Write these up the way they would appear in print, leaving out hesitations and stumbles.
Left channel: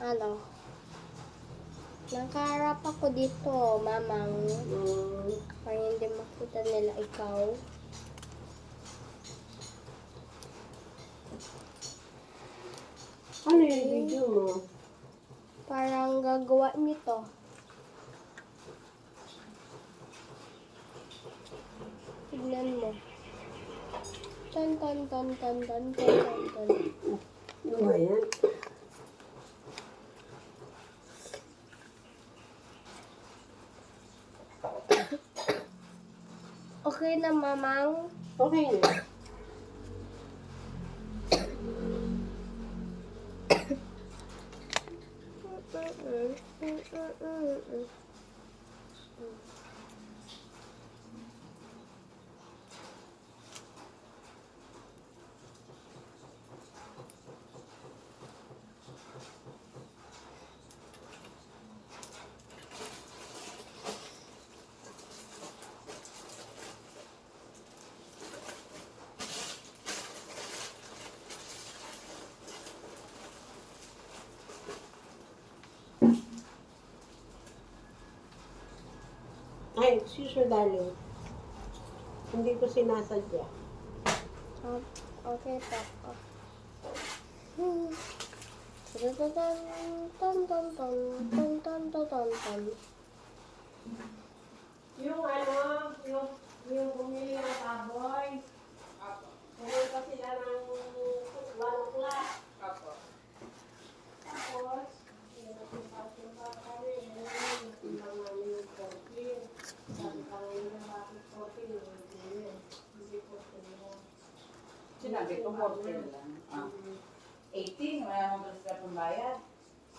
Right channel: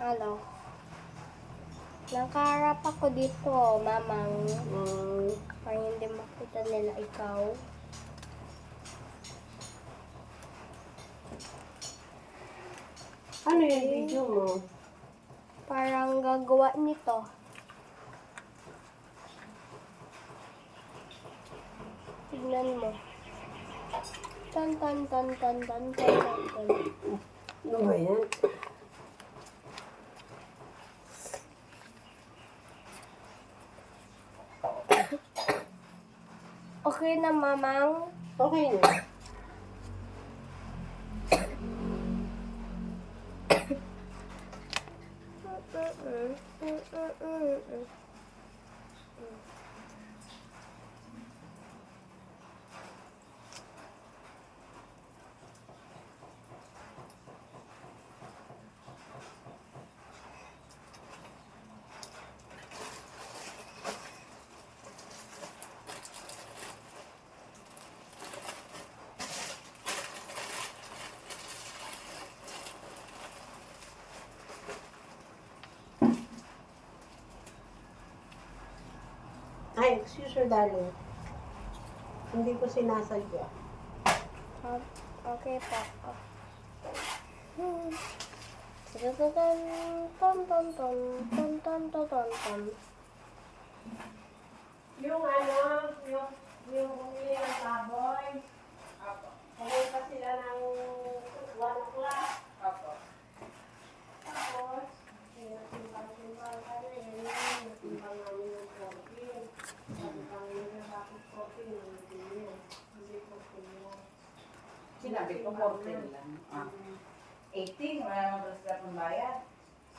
Ano? Nakaharap ako dito, mamang. Para hindi makita nila ikaw. Ano yung video mo? Parang gagawa nito. Tignan mo. Tan tan tan tan tan tan tan tan. Ano ba yan? Okay na, mamang. Okay na. Ay, excuse me, darling. Hindi ko sinasadya. Okay po. Tan tan tan tan tan tan tan tan tan. Yung yung bumili ng baboy, pumunta sila ng 1 o'clock. Tapos, timbang kami, natimbang namin yung 14. Sabi pa nila, bakit 14? Hindi 14 yan. Sinabi ko 14 lang. 18, wala naman kasi sa pambayad.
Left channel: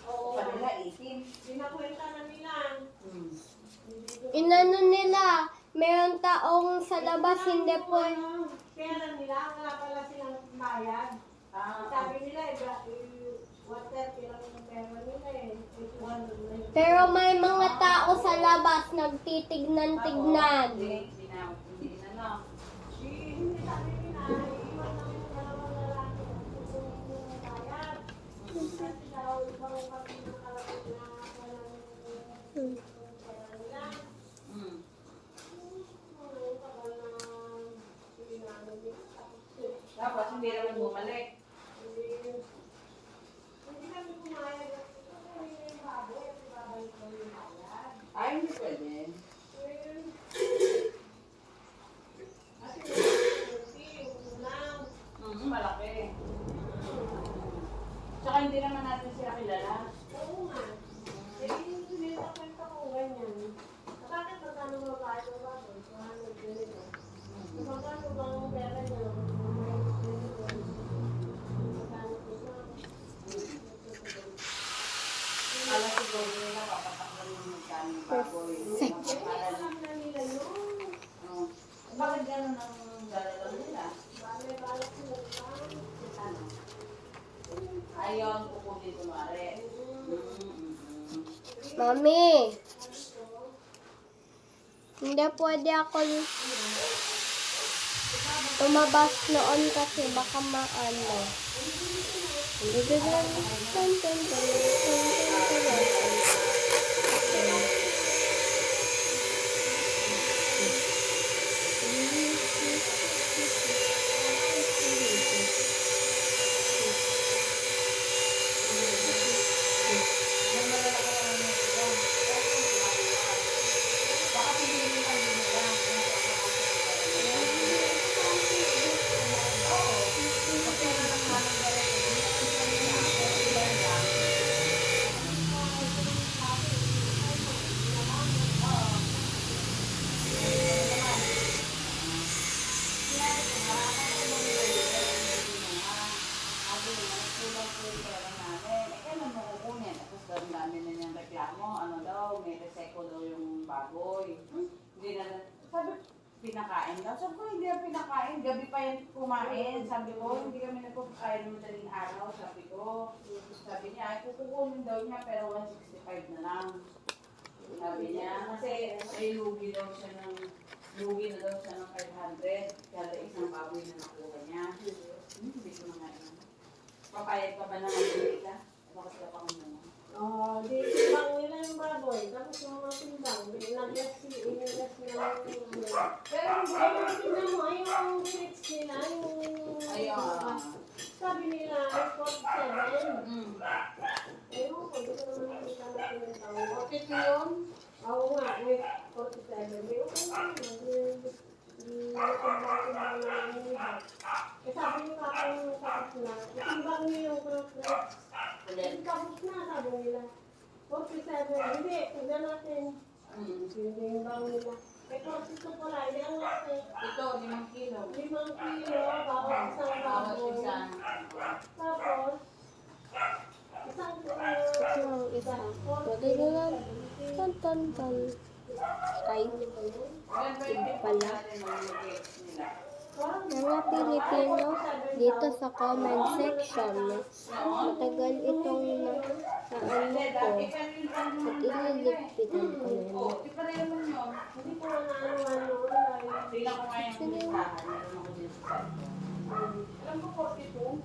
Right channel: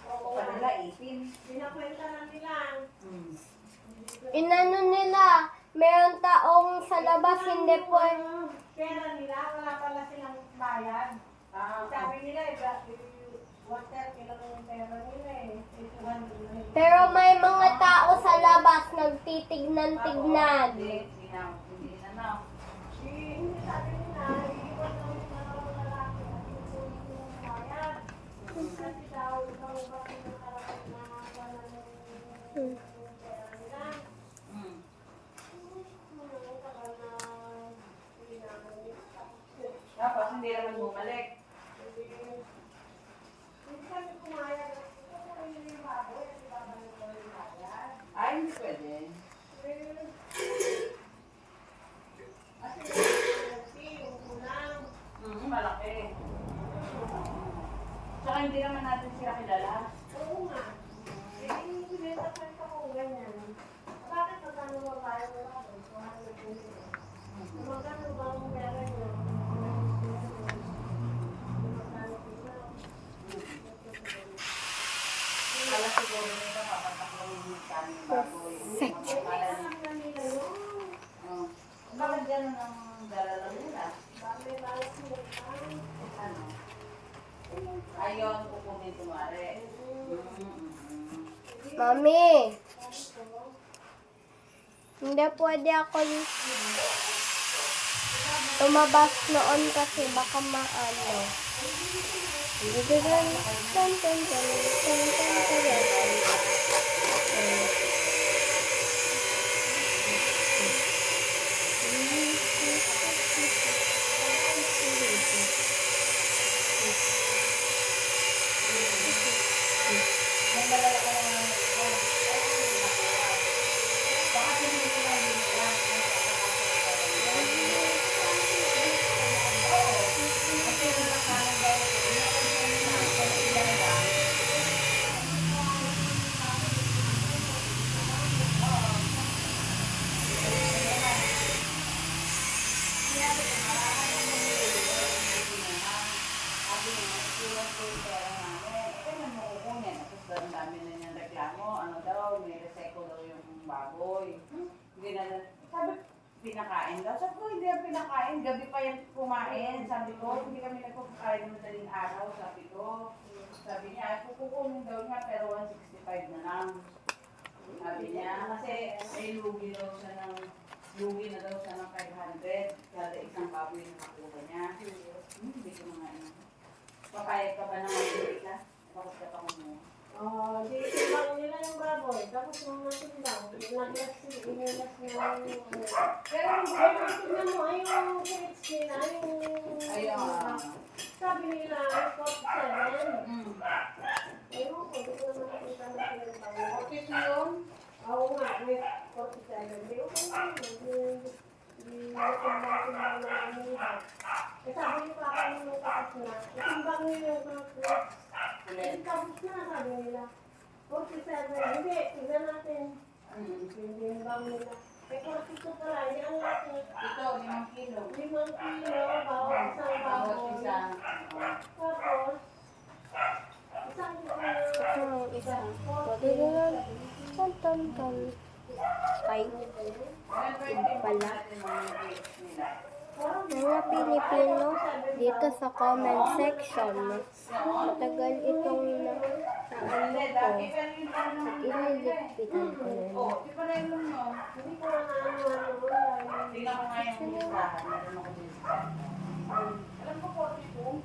Oo. Sa kanila 18. Sinakwenta na nila. Inano nila, meron taong sa labas hindi po. Kailan nila, wala pala silang bayad. Sabi nila, water, kailan yung pera nila eh. 200 na eh. Pero may mga tao sa labas nagtitignan-tignan. Hindi na. Hindi sabi nila, iiwan daw yung dalawang lalaki at kukunin yung bayad. Kasi daw, ikaw pati nakalagay na wala yung pera nila. Tagal na hindi namin tapos. Tapos hindi naman bumalik. Hindi kami pumayag. Ito ko rin yung baboy at ibabalik ko yung bayad. Ay, hindi pwede. Kasi yung unang. Malaki. Tsaka hindi naman natin sila kilala. Oo nga. Eh, yung pinita-kwenta ko ganyan. Bakit magkano ba tayo wala doon? Mahal na pinili. Magkano ba ang pera nyo? Magkano sila? Kala siguro nila papatakbo yung magkano yung baboy. Alam na nila yun. Bakit gano'n ang dalalang nila? Bakit balas sila tayo? Ano? Ayon, kukunin kumari. Mami, hindi pwede ako lumabas noon kasi baka maano. Tan tan tan tan tan tan tan. Pinakain daw. Sabi ko, hindi yan pinakain. Gabi pa yan kumain. Sabi ko, hindi kami nagpapakain ng madaling araw. Sabi ko. Sabi niya, ay kukunin daw niya pero 165 na lang. Sabi niya, kasi ay lugi na daw siya ng 500. Kada isang baboy na nakuha niya. Hindi ko nga. Papayag ka ba na kita? Bakit ka pa mo? Tapos yung mga timbang, nag-gas inilas na Pero hindi. Pero tingnan mo, yung grades nila, Ayun. sabi nila, 47. Mm. Ewan ko, di ko naman nakita na tinatawag. 42 yun? Oo nga, 47. Di okay na yun. Di natimbang-timbang na namin nila. Eh sabi niyo papa nung tapos na, itimbang niyo yung grades. Ulit. Tapos na, sabi nila. 47. Hindi, tignan natin. Mm. Itimbang nila. Eh 42 pala, yan natin. Ito, 5 kilo. 5 kilo, bawat isang Bawat baboy. isa. Tapos, isang kilo. Ito ang isa. Pagkakaroon. Tan tan tan. Ay, pala. Mga Pilipino, dito sa comment section, matagal itong na ano ko at ililigpitan ko na yun. Oh, di pa rin mo. Hindi ko na ano. Tingnan ko nga yung listahan. Meron ako din sa site. Alam ko 42.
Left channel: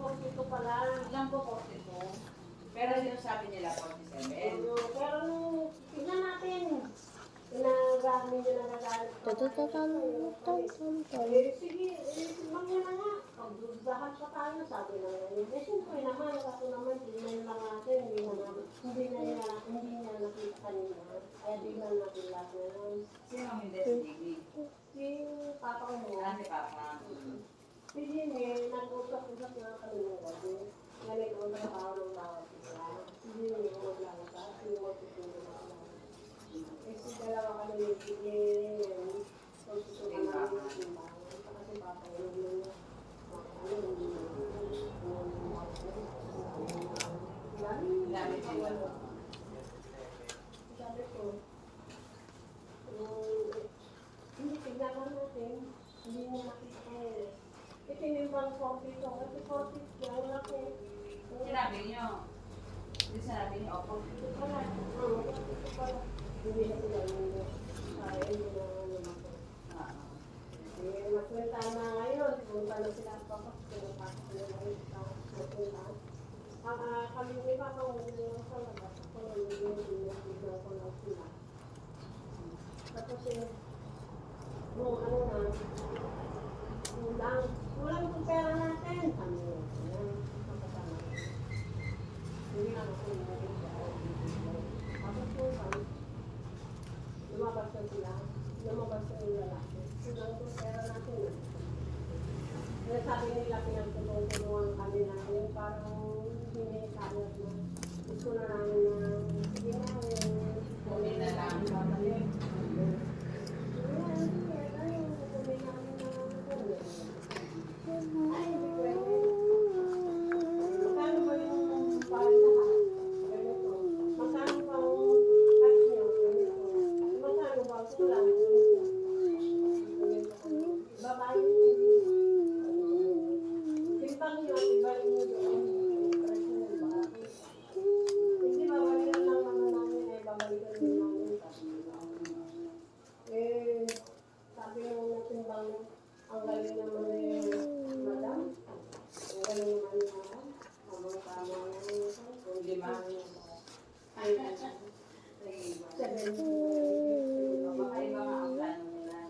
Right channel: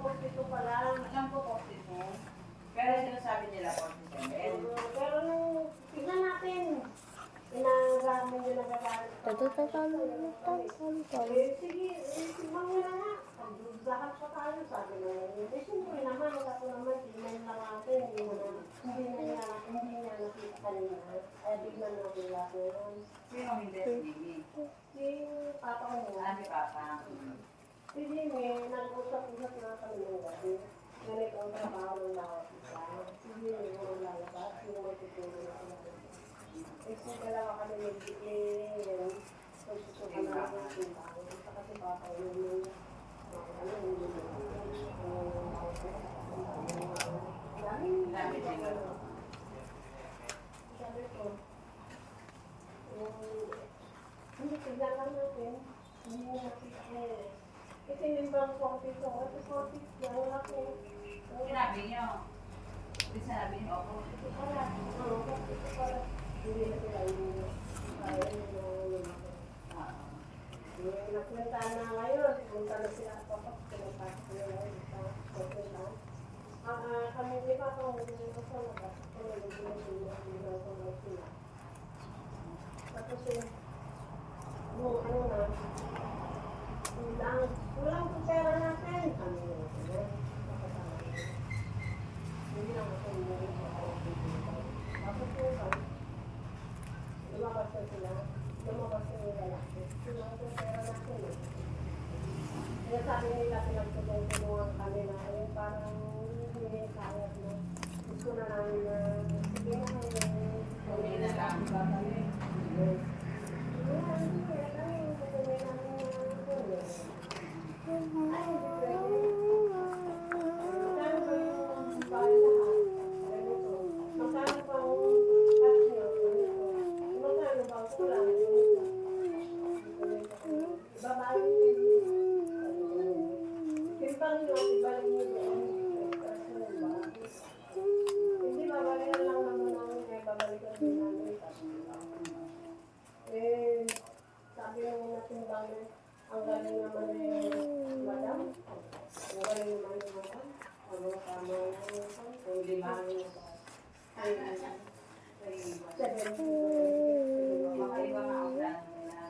42 pala. Alam ko 42. Pero sinasabi nila 47. Pero nung tignan natin, inagamit nyo nagagamit. Tatatatam, tan tan tan. Sige, tignan nyo na nga. Pagdudahan pa tayo, sabi na yun. Eh, siyempre naman, ako naman, tignan lang natin. Hindi niya nakita niya. Kaya tignan natin natin. Sino hindi si Bibi? Si Papa mo. Ah, si Papa. Si Jimmy, nag-usap-usap na kami ng gabi. Ganit ang trabaho ng bawat isa. Hindi nyo maglalabas, yung matutulong na sila. Eh, kung dalawa kami yung bigay, pagsusukan namin yung timbang. Kasi Papa yun Dami sila. sabi ko, hindi tignan lang natin, hindi na nakita ngayon. Itinimbang ko dito, kasi 40, yan lang ko. Sinabi niyo. Hindi sinabi niyo ako. Ito pala, oo, ito pala. Hindi na sila hindi. Kaya yun yung nakwenta na ngayon, punta na sila sa papak, punta sila ngayon para nakwenta. Kami di ba kung gusto nakasok ko na yung sila. Tapos yung ano na, walang pera natin. Kami hindi lang ako tapos lumabas na sila. Lumabas na yung lalaki. Walang pera natin. Kaya sabi nila pinagtulong-tulungan kami na yung parang hindi kaya na gusto na namin na sige na Kami na lang. Sabi nung natimbang, ang galing naman ni Madam. Ang galing naman ni Madam. Tama yung Lima. ay, Makaiba nga ang plano nila.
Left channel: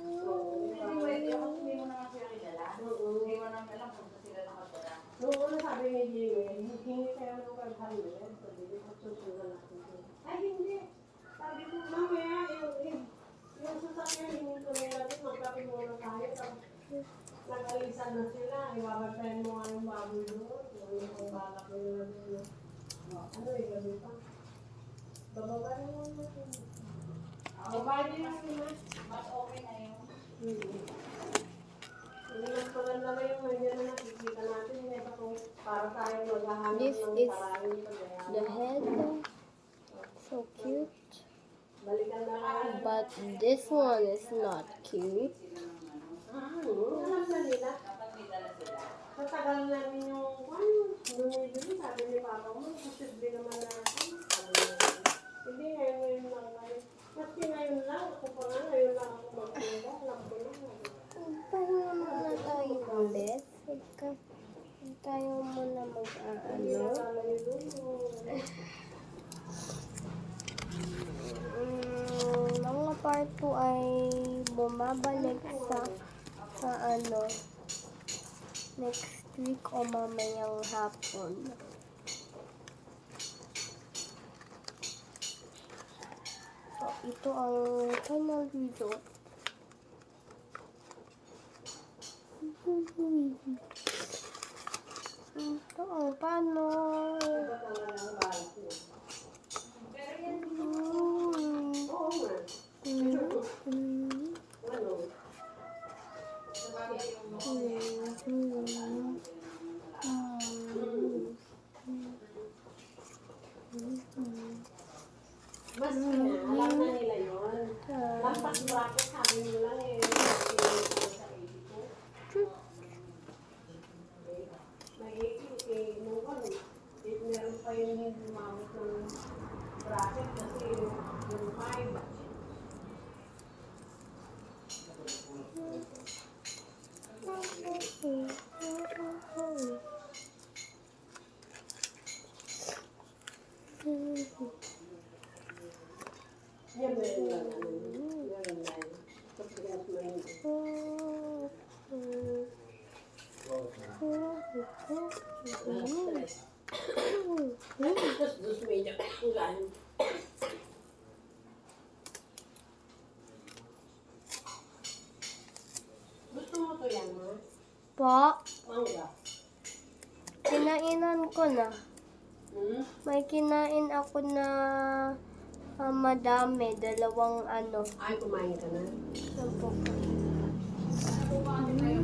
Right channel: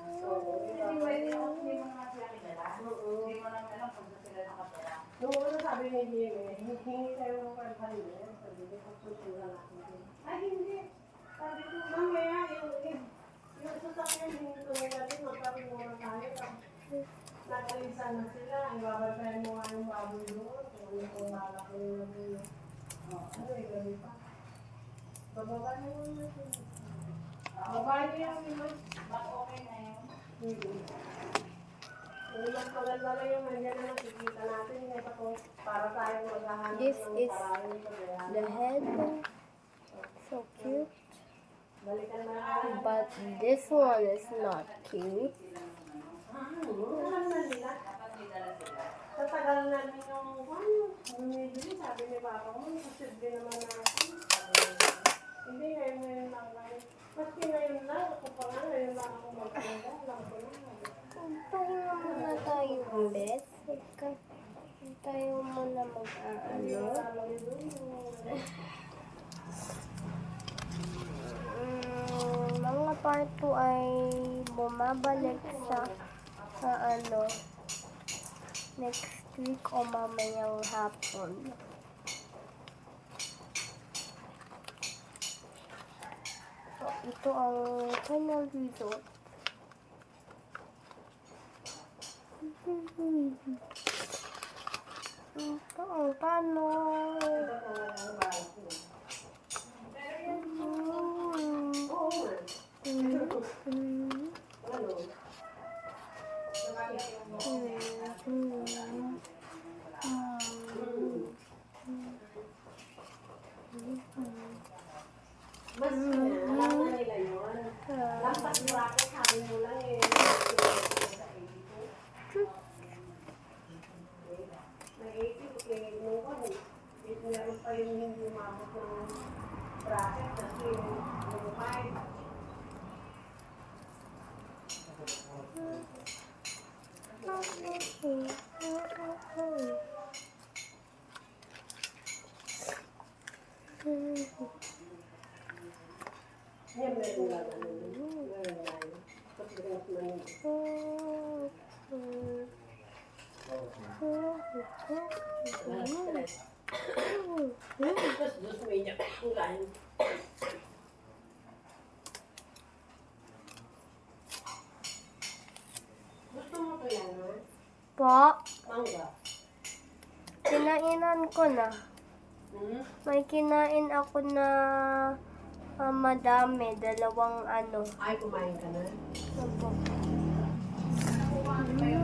Hindi pwede ako, hindi mo naman sila kilala. Hindi mo naman alam kung saan sila nakatira. nung una sabi ni Jimmy, hingi kayo ng 500. Sabi ko, susunod natin. Ay, hindi. Sabi ko, mamaya, yung sasakyan, hindi ko nila din, magpapimuna tayo. Nagalisan na sila, ibabantayan mo nga yung baboy doon. Kung malaki yung ano eh, gabi pa. Bababa na lang natin. Bababa niyo yung lima. Mas okay na yun. Yung magpaganda na yung nandiyan na nakikita natin. Kaya kung para tayo maghahanap This ng is paraan sa the head. So cute. balikan na lang. But this one is not cute. Alam na nila. Dapat may dala sila. Sa tagal namin yung bumibili, sabi ni Papa mo, posible naman natin. Hindi, ngayon lang kami. Maski ngayon lang, ako pa nga, ngayon lang ako magpinda. Alam ko na. Pahinga muna tayo, Beth. Huwag tayo muna mag-aano. Sabi doon, ito ay bumabalik sa ano, next week o mamayang hapon. So, ito ang final result. Ito ang paano. Meron pa yung hindi umabot ng bracket kasi yung mind. Yan meron lang. Meron lang. Pagdagas na yun. Dos media ulan. Gusto mo to yan, ha? Po, Mangga. kinainan ko na. May kinain ako na madami, dalawang ano. Ay, kumain ka na? Ano po? Ano yan?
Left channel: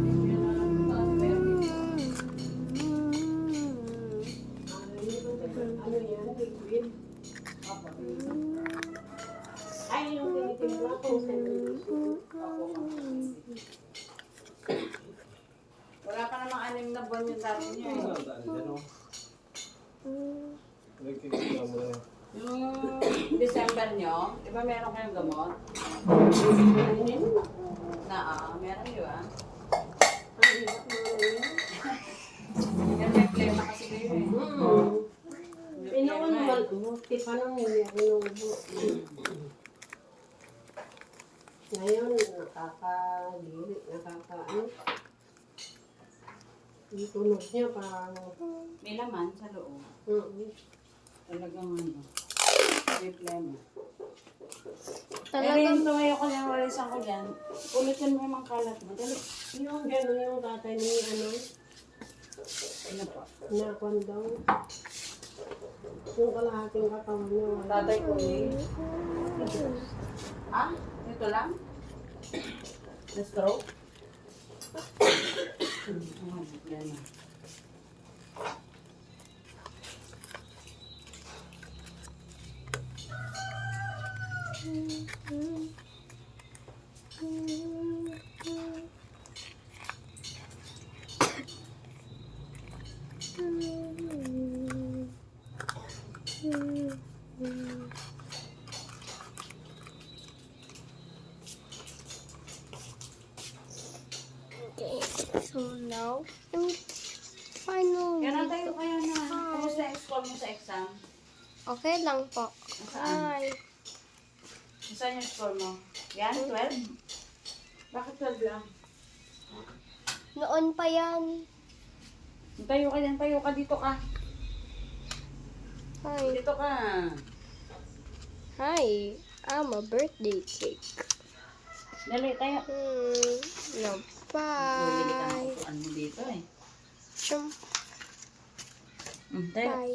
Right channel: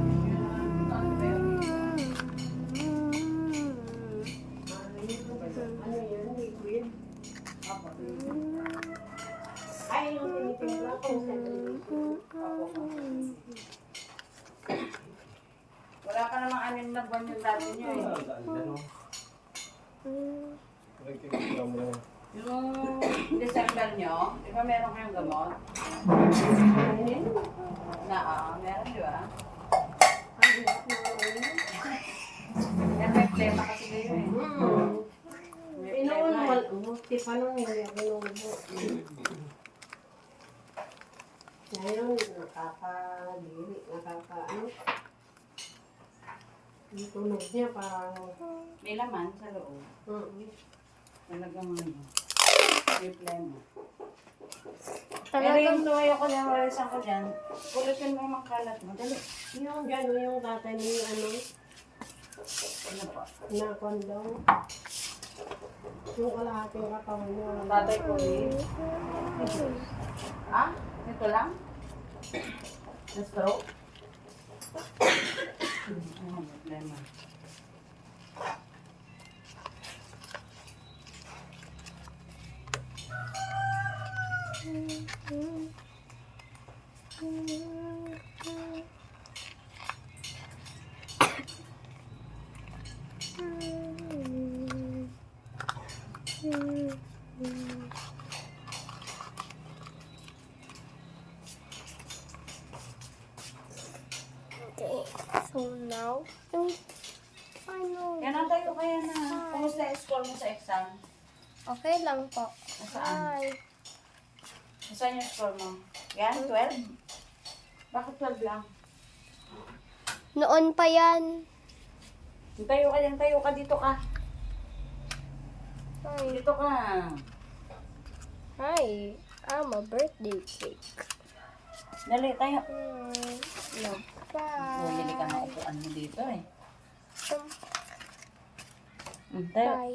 Liquid? Ay, yung tinitimpla ko. Wala pa namang 6 na buwan yung dati niyo eh. Yung December nyo, di ba meron kayong gamot? Meron di ba? Yan may plema kasi kayo eh. May Inuun plema mo, eh. tipa nung hindi ako inuubo. Ngayon, nakakadiri, nakakaano. Yung tunog niya parang, May laman sa loob. Talagang ano. May plema. Talagang Yung tumayo ko na walisan ko dyan, pulutin mo yung mga kalat mo. Dali. yung gano'n yung tatay ni ano, Ano po? inakuan daw. Yung kalahating katawan niya. Tatay ko eh. Ah? Ito lang? Na-stroke? Ano problema? okay. So now, yung final. Yan ang tayo kaya na. Kumusta yung score mo sa exam? Okay lang po. Nasaan? Hi. Saan yung score mo? Yan? 12? Bakit 12 lang? Noon pa yan. Tayo ka dito ka. Hi. Dito ka. Hi. I'm a birthday cake. Dali, tayo. No, Bumili ka ng bye. upuan mo dito eh. Bye. Tayo. Bye.